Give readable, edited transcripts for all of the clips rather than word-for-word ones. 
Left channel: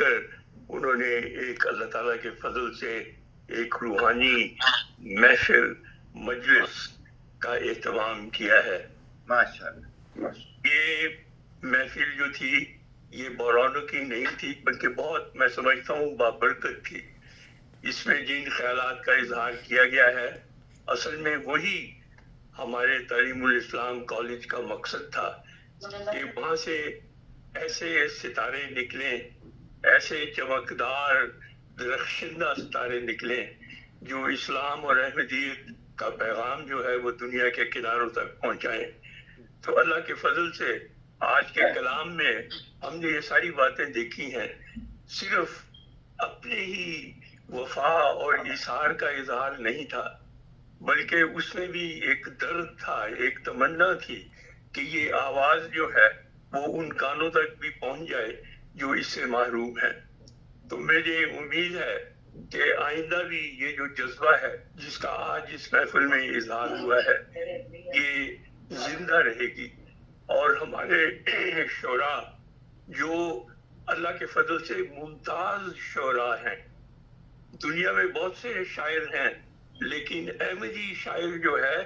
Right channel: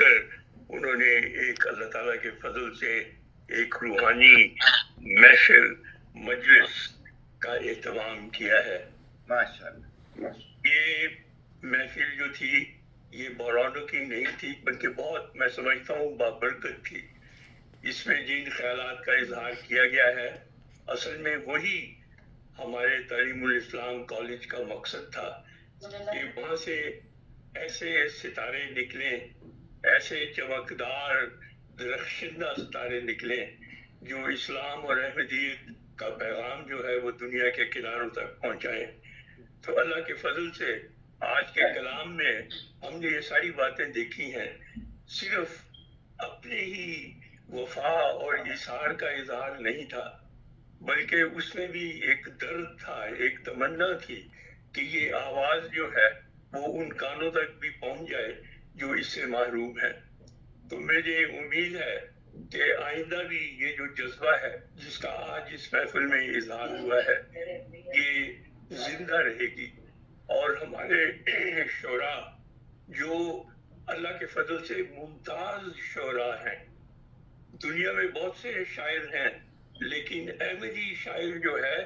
कर उन्होंने एक अल्लाह ताला के फजल से एक रूहानी महफिल मजलिस का एहतमाम किया है। माशाअल्लाह। ये महफिल जो थी ये बरौनों की नहीं थी, बल्कि बहुत, मैं समझता हूँ, बाबरकत थी। इसमें जिन ख्यालात का इजहार किया गया है, असल में वही हमारे तालीमुल इस्लाम कॉलेज का मकसद था कि वहाँ से ऐसे सितारे निकले, ऐसे चमकदार दरख्शिंदा सितारे निकले जो इस्लाम और अहमदियत का पैगाम जो है वो दुनिया के किनारों तक पहुँचाए। तो अल्लाह के फजल से आज के कलाम में हमने ये सारी बातें देखी हैं। सिर्फ अपने ही वफा और इशार का इजहार नहीं था, बल्कि उसमें भी एक दर्द था, एक तमन्ना थी कि ये आवाज जो है वो उन कानों तक भी पहुंच जाए जो इससे महरूम है। तो मुझे उम्मीद है कि आइंदा भी ये जो जज्बा है जिसका आज इस महफिल में इजहार हुआ है ये जिंदा रहेगी, और हमारे शोरा जो अल्लाह के फजल से मुमताज शोरा हैं। दुनिया में बहुत से शायर हैं, लेकिन अहमदी शायर जो है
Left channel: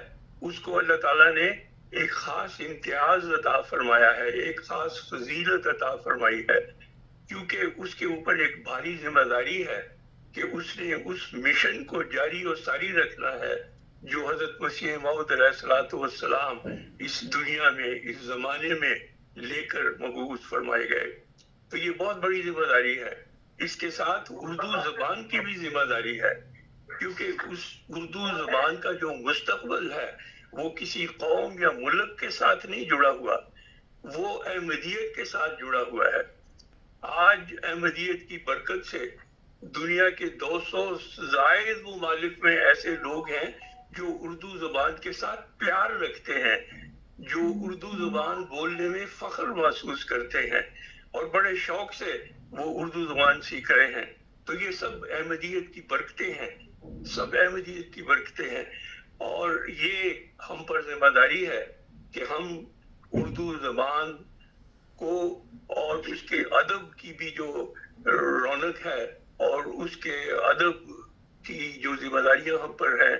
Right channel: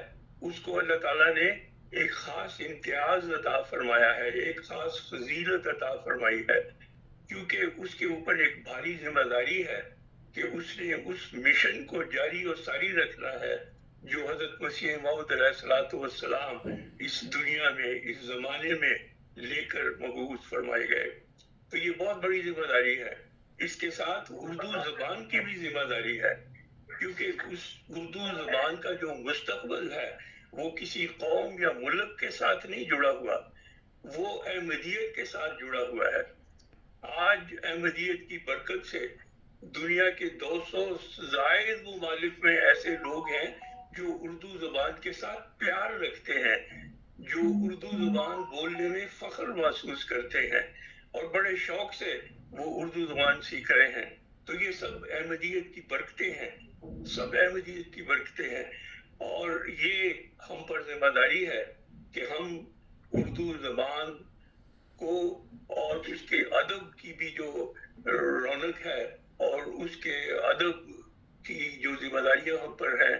उसको अल्लाह ताला ने एक खास इम्तियाज अता फरमाया है, एक खास फजीलत अता फरमाई है, क्योंकि उसके ऊपर एक भारी जिम्मेदारी है कि उसने उस मिशन को जारी और सारी रखना है जो हजरत मसीह मौऊद अलैहिस्सलाम इस दुनिया में, इस जमाने में लेकर मबूस फरमाए गए। तो ये बहुत बड़ी जिम्मेदारी है। इसके साथ उर्दू जबान की भी जिम्मेदारी है, क्योंकि उस उर्दू जबान का जो मुस्तकबल है वो किसी कौम या मुल्क के साथ नहीं जुड़ा हुआ, वो अहमदियत के साथ जुड़ा हुआ है। आज अहमदियत की बरकत से दुनिया के 200 जायद मुमालिक में ऐसे लोग हैं जो उर्दू जबान के साथ प्यार रखते हैं, जो उर्दू जबान बोलने में फख्र महसूस करते हैं और बड़े शौक से वो उर्दू जबान सीख रहे हैं। तो ये सब अहमदियत की बरकतें हैं, सब अहमदियत की बरकतें हैं, और ये हम पर जिम्मेदारी है कि हम उर्दू जबान को और उसके अदब की भी जो रौनक है और उसके अदब की जो जिम्मेदारियां हम पर हैं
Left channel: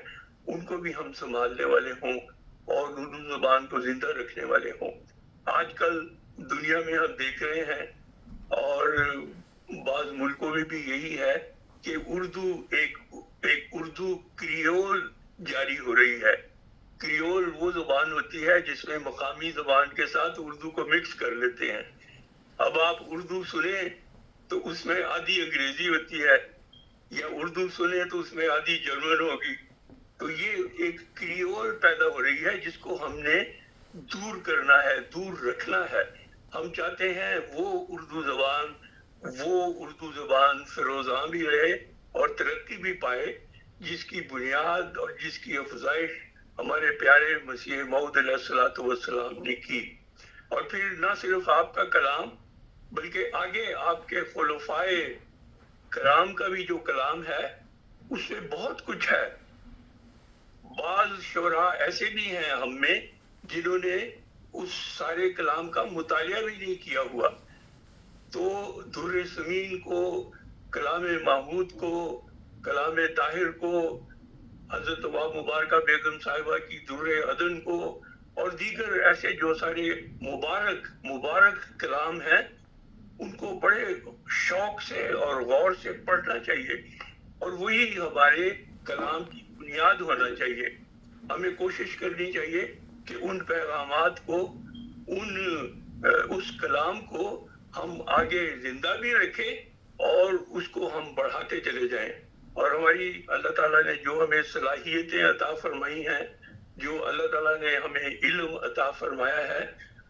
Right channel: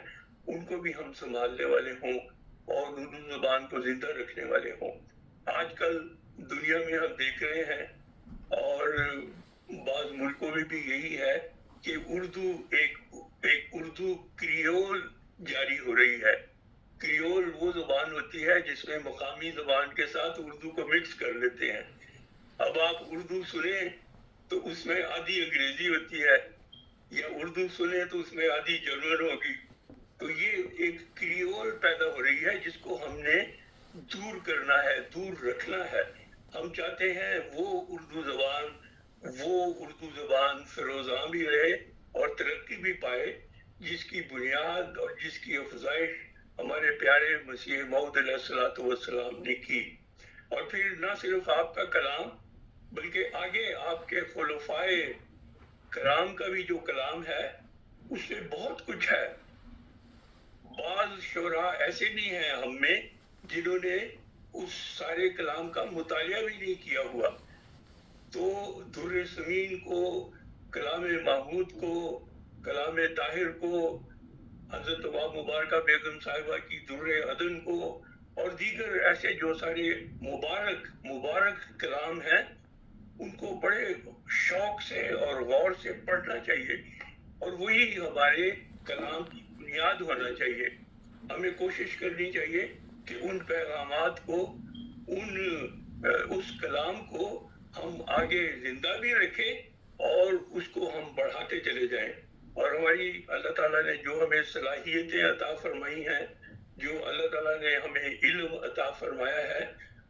उनको भी हम संभालने वाले हों और उर्दू जबान को जिंदा रखने वाले हों। आजकल दुनिया में हम देख रहे हैं और बाज़ मुल्कों में भी यही है कि उर्दू एक उर्दू क्रियोल जारी हो रही है। क्रियोल वो जुबान होती है जिसमें मकामी जुबान के साथ उर्दू को मिक्स कर लेते हैं। अब आप उर्दू सुने तो उसमें आधी अंग्रेजी होती है, या उर्दू सुने तो उसमें आधी जर्मन होगी। तो ये एक क्रियोल पैदा हो रही है जिसको हमने दूर करना है, दूर रखना है। हम चाहते हैं वो उर्दू जबान फिरोज़ां भी रहे और तरक्की भी पाए, जिसकी बुनियाद और जिसकी अफजाइश हमारे प्यारे मसीह मौऊद अलैहिस्सलाम ने की। और फिर ना सिर्फ आपका कलाम बल्कि आगे आपके खुलफाए कराम का भी जो कलाम है उसमें बहुत कुछ है। बाज़ शोरा ऐसे भी हैं हम में जिन्होंने उस सारे कलाम का मुतालिया भी नहीं किया हुआ। तो दुर्र समीन को, कलाम महमूद को, कलाम ताहिर को, हजरत वाब मुबारका बेगम साहिबा की दुर्र अदन को और दीगर ऐसे जो सारे मुबारक कलाम हैं उनको बड़े शौक से और गौर से पढ़ना चाहिए, और वही हमारे कलाम की बुनियाद होना चाहिए। हमें कोशिश करनी चाहिए कि उन पैगामात को, उस कलाम को हम आगे जिंदा भी रखें और उसको हम बढ़ाते चले जाएं। और हमारी अल्लाह ताला ने जो हमें सलाहियतें अता फरमाई हैं, जो अल्लाह ताला ने हमें इल्म अता फरमाया है,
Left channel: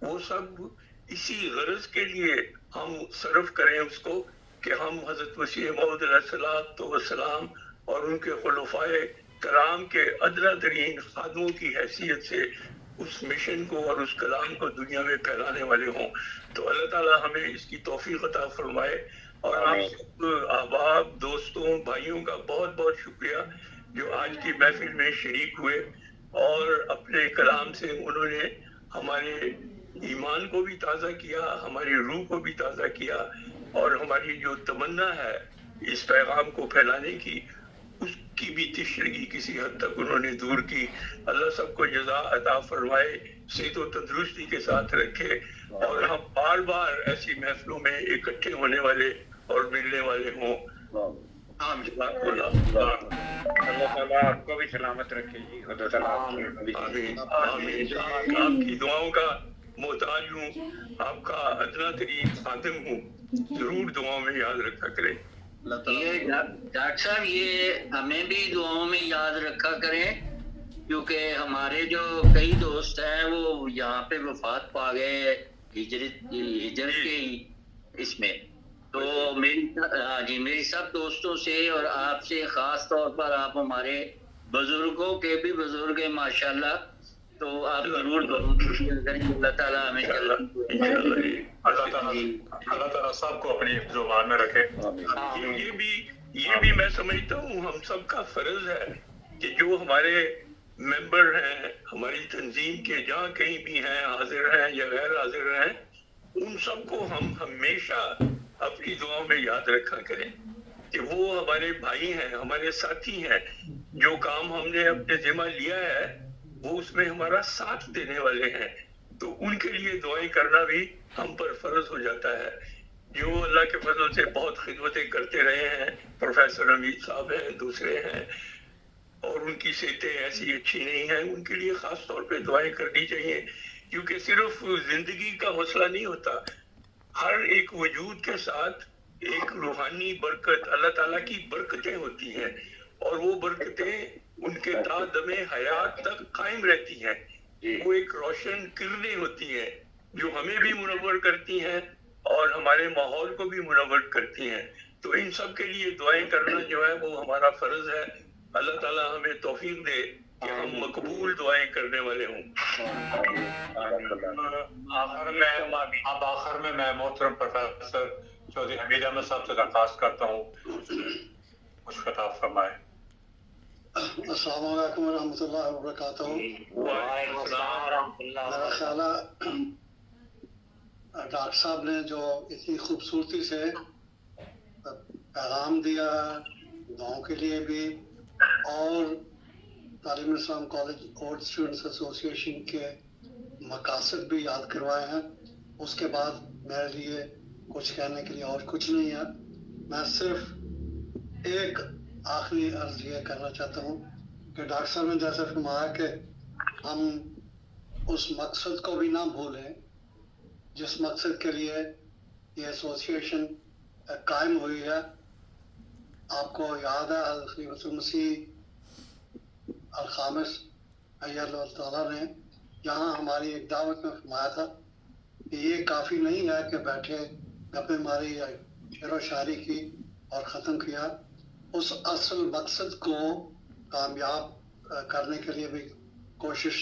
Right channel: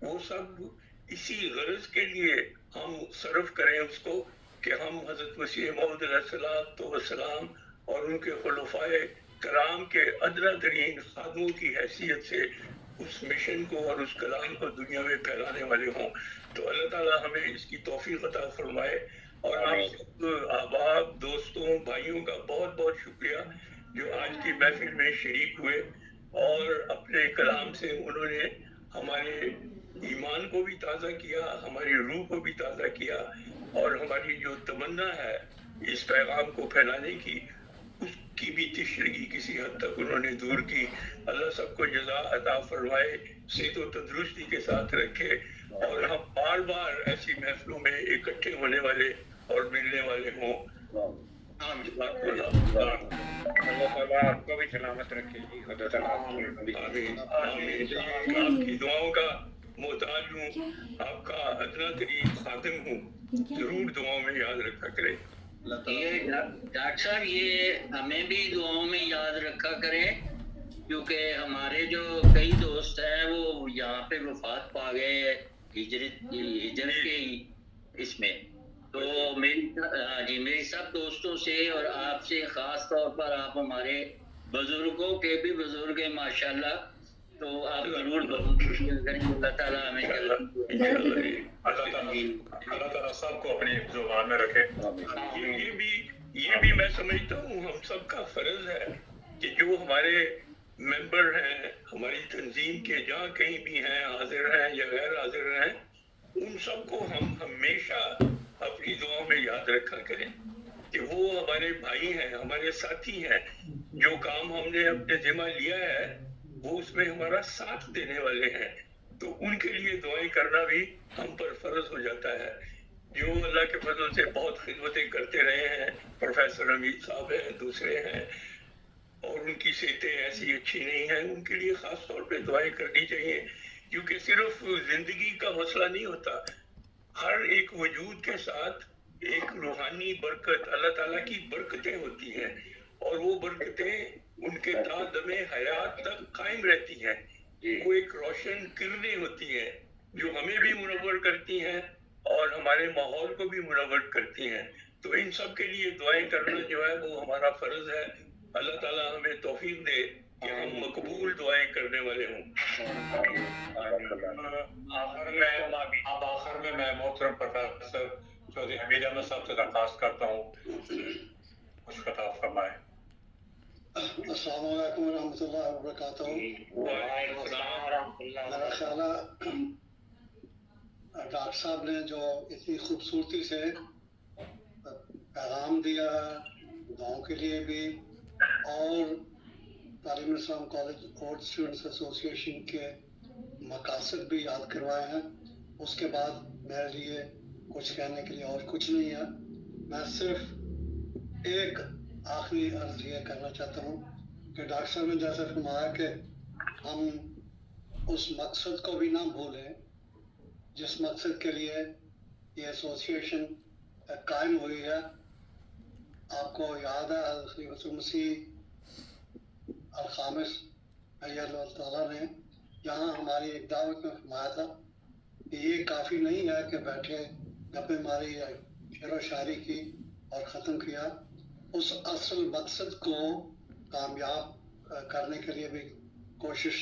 वो सब इसी गरज के लिए हम सर्व करें उसको कि हम हजरत मसीह मौऊद अलैहिस्सलाम और उनके खुलफाए कराम के अदना तरीन खादमों की हैसियत से उस मिशन को और उस कलाम को दुनिया में फैलाने वाले हों। तो अल्लाह ताला हमें इसकी तौफीक अता फरमाए। और आप सब अहबाब, दोस्तों, भाइयों का बहुत बहुत शुक्रिया जो आज की महफिल में शरीक हुए और अपने कलाम से उन्होंने हमारे ईमान को भी ताज़ा किया, हमारी रूह को भी ताज़ा किया, اور ہماری جو تمنا ہے اس پیغام کو پھیلانے کی، اس کی بھی تشریحی کسی حد تک انہوں نے دور کی. اللہ سب کو جزا عطا فرمائے، صحت و تندرستی کے ساتھ رکھے، اور ہم بار بار ایسی محفلوں میں اکٹھے ہونے والے اور ملنے والے ہوں. اللہ تعالیٰ آپ کو بھی سلامت رکھے جی. خدا تعالیٰ آمین آمین. آپ کی دعاؤں کا محتاج ہوں، آپ کا ادنا ترین خادم ہوں، ضرور دعاؤں میں یاد رکھا کریں. یہ ڈاکٹر صاحب یہ ہمیں بھی دعاؤں میں یاد رکھا کریں، کیونکہ ہمارے جو کئی دوست ہیں وہ یہاں پہ وفات پا گئے ہجرت کے اس میں. تو میری سب دوستوں سے اور آپ سے خاص طور پر، آپ ہمارے بزرگوں کے بھی بزرگ ہیں ماشاءاللہ، تو آپ ضرور اللہ تعالیٰ ہمیں اللہ تعالیٰ سب کو اپنی زبان میں رکھے. یہ بھی میں سمجھتا ہوں ہم سب کا فرض ہے کہ جو ہمارے ممبر ہیں ہماری تنظیم کے، جہاں کہیں بھی ہیں، حاضر ہیں یا غیر حاضر ہیں، ان سب کو ہم ہمیشہ اپنی دعاؤں میں یاد رکھا کریں کہ وہ ہمارے بھائی ہیں، ہمارے ساتھی ہیں. جو کام ہم نے اپنے ذمہ لیا ہے وہ اس میں ہمارا ساتھ دینے والے ہیں، تو ان کے لیے دعائیں کرنا بھی ہم پر فرض ہو جاتا ہے. جو اللہ کے فضل سے بہت خدمتیں کرتے رہے ہیں، پروفیسر حمید صاحب ہیں، دوسرے ہیں، اور ان کی صحتیں ایسی اچھی نہیں ہیں، ان کے لیے خاص طور پہ دعائیں کرنی چاہیے. کیونکہ صرف زندگی کا مسئلہ نہیں ہوتا، ہر ایک وجود کے ساتھ ایک روحانی برکت، اللہ تعالیٰ کی برکتیں ہوتی ہیں، اور وہ برکتیں ان کے تا دم حیات تک قائم رہتی ہیں. وہ ایک روشن کرنیں ہوتی ہیں جو ہمیں بھی منور کرتی ہیں اور ہمارے ماحول کو بھی منور کرتی ہیں. تو ان سب کے لیے دعائیں کرنا جو ہے وہ ہمارا فرض ہے. اللہ تعالیٰ ہمیں توفیق دے کہ ہم مقبول دعائیں کرنے والے ہوں. آخر میں میں محترم پروفیسر چودھری حمید احمد صاحب سے درخواست کرتا ہوں کچھ خطاب فرمائے. السلام علیکم ورحمۃ اللہ وبرکاتہ. میرا خیال ہے ڈاکٹر صاحب نے جو اتنی خوبصورتی سے پیغام دیا ہے دعاؤں کے لیے بھی، اور تعلیم اسلام کالج اولڈ اسٹوڈنٹس ایسوسی ایشن کے مقاصد بھی یاد کروائے ہیں، اس کے بعد میرے لیے کچھ کہنے کے لیے اور کچھ نہیں ہے. میں صرف ایک آخری عرض یہ کرنا چاہتا ہوں کہ ڈاکٹر صاحب نے جیسے فرمایا کہ ہم اس مقصد کو بھی نہ بھولیں جس مقصد کے لیے یہ ایسوسی ایشن قائم ہوئی ہے. آپ کو یاد ہے خلیفۃ المسیح الخامس علیہ اللہ تعالیٰ نے یہاں ہماری ایک دعوت میں فرمایا تھا کہ یہ کافی نہیں ہے کہ بیٹھے گپے ماری یا شعر و شاعری کی اور ختم کیا. اس اصل مقصد کو کامیاب کرنے کے لیے بھی کوشش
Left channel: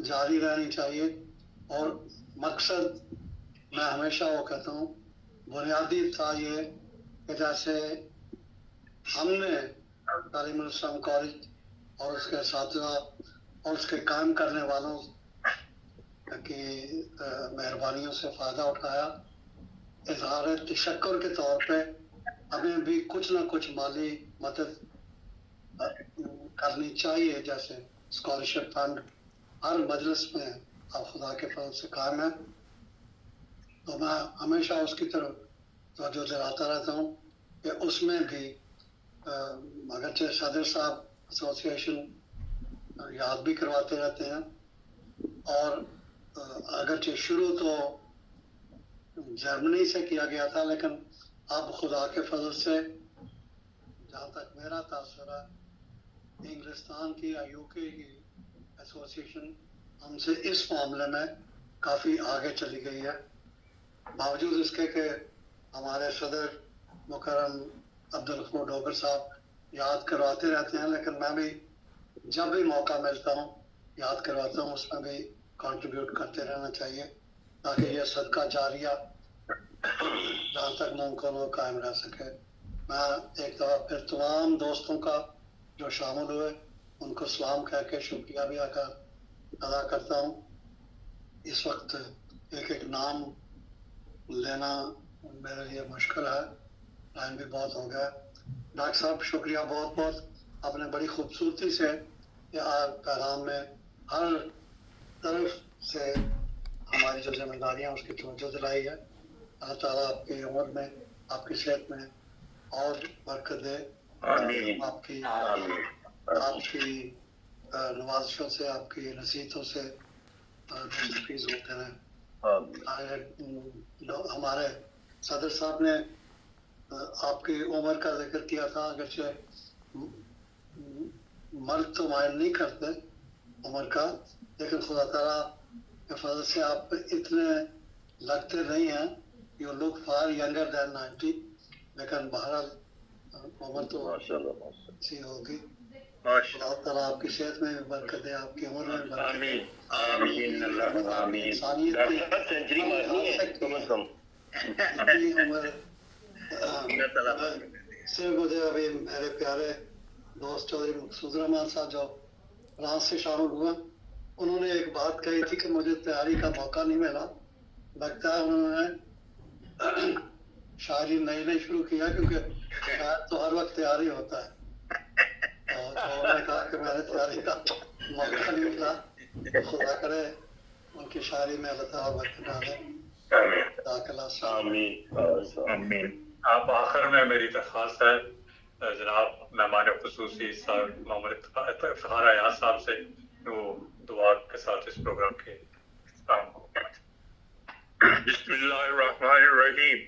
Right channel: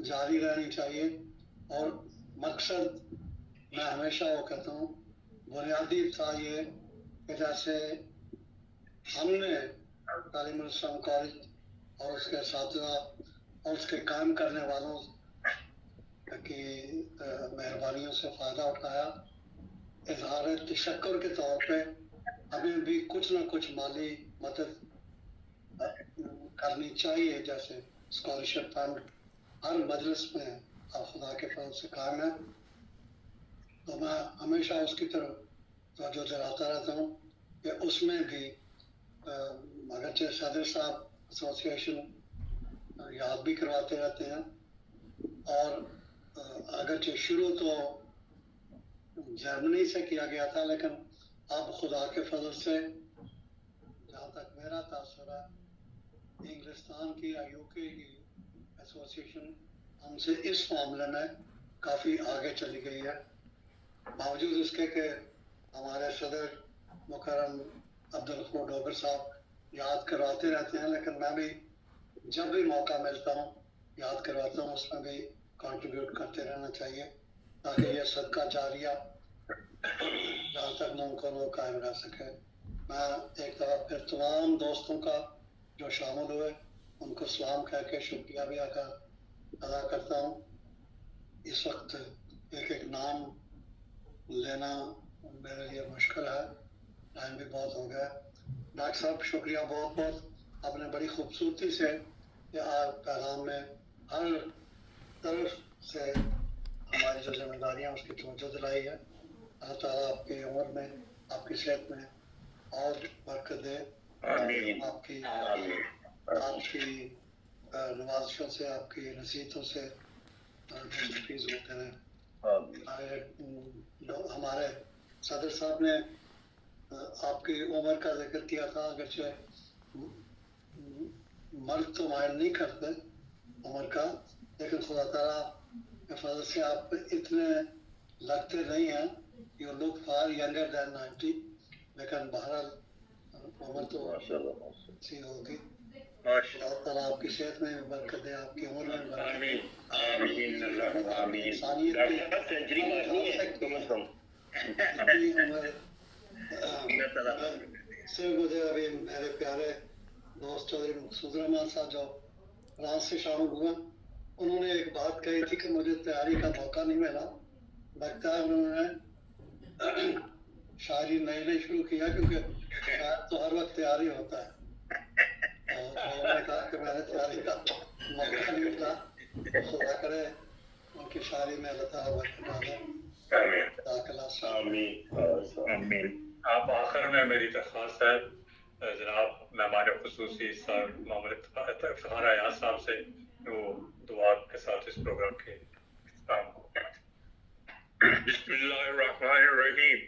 جاری رہنی چاہیے. اور مقصد میں ہمیشہ وہ کہتا ہوں بنیادی تھا یہ کہ جیسے ہم نے تعلیم الاسلام کالج اور اس کے اساتذہ اور اس کے کام کرنے والوں کی مہربانیوں سے فائدہ اٹھایا، اظہار تشکر کے طور پہ ہمیں بھی کچھ نہ کچھ مالی مدد کرنی چاہیے. جیسے اسکالرشپ فنڈ ہر مجلس میں آپ خدا کے فضل سے قائم ہے، تو میں ہمیشہ اس کی طرف توجہ دلاتا رہتا ہوں کہ اس میں بھی اگرچہ صدر صاحب ایسوسی ایشن یاد بھی کرواتے رہتے ہیں، اور اگرچہ شروع تو جرمنی سے کیا گیا تھا، لیکن اب خدا کے فضل سے جہاں تک میرا تاثر ہے انگلستان کی یا یو کے کی ایسوسی ایشن ہم سے اس معاملے میں کافی آگے چلی گئی ہے، باوجود اس کے کہ ہمارے صدر مکرم عبدالغفور ڈوگر صاحب یاد کرواتے رہتے ہیں، لیکن میں بھی جب بھی موقع ملتا ہوں یاد کرواتا ہوں. اس میں بھی کنٹریبیوٹ کرتے رہنا چاہیے تاکہ یہ صدقہ جاریہ جہاں تک ممکن ہو قائم رہ سکے. میں ایک دفعہ پھر تمام دوستوں کا جو شامل ہوئے ان کو سلام کہہ کے شکریہ بھی ادا کرتا ہوں. اس وقت ایک ایک نام لینا मेरे लिए मुश्किल है, टाइम भी बहुत हो गया। डॉक्टर साहब शुक्रिया बहुत बहुत, आपने बड़ी खूबसूरती से पैगाम में हर तरफ से हमारी जो जिम्मेदारियाँ उसकी तवज्जो दिलाई है। अल्लाह ताला आपकी उम्र में, आपकी सेहत में और बरकत दे। आमीन। आपकी नवाजिशों से, आपकी नसीहतों से मुस्तफीज होते हैं। हमारे सदर साहब ने आपकी उम्र का जिक्र किया था, अगरचे मर्द तो मायल नहीं करते उम्र का, लेकिन खुदा ताला के फजल से आप इतने लगते नहीं हैं, you look far younger than 90, लेकिन बहरहाल उम्र तो अच्छी होगी। अल्लाह ताला आपकी सेहत में भी बरकत दे, आपकी उम्र में बरकत दे। आमीन आमीन आमीन। इंसानियत की सेंचुरी मारनी है कम से कम। अपनी उम्र से मुझे अभी मेरे प्यारे दोस्त चौधरी मकसूद रहमान साहब जो फ्रांस से शामिल हुए, उन्होंने एक बात कही थी कि मुझे तैयारी का मौका नहीं मिला। लगता है उन्होंने शायरी नई नई शुरू किया, क्योंकि शायद तो हर वक्त तैयारी होता है। तो उन्होंने कहा कि मैंने तैयारी का मौका नहीं मिला, खुदा करे उनकी शायरी में अल्लाह ताला बरकत डाले। आमीन आमीन। आप आखिर में मेरी दरख्वास्त है जनाब मेहमान खुसूसी सर मोहम्मद इफ्तिखार अयाज साहब से वो दुआ के साथ इस प्रोग्राम के काम को बिस्मिल्लाहिर्रहमानिर्रहीम।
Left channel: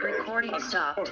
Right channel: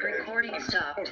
Recording stopped.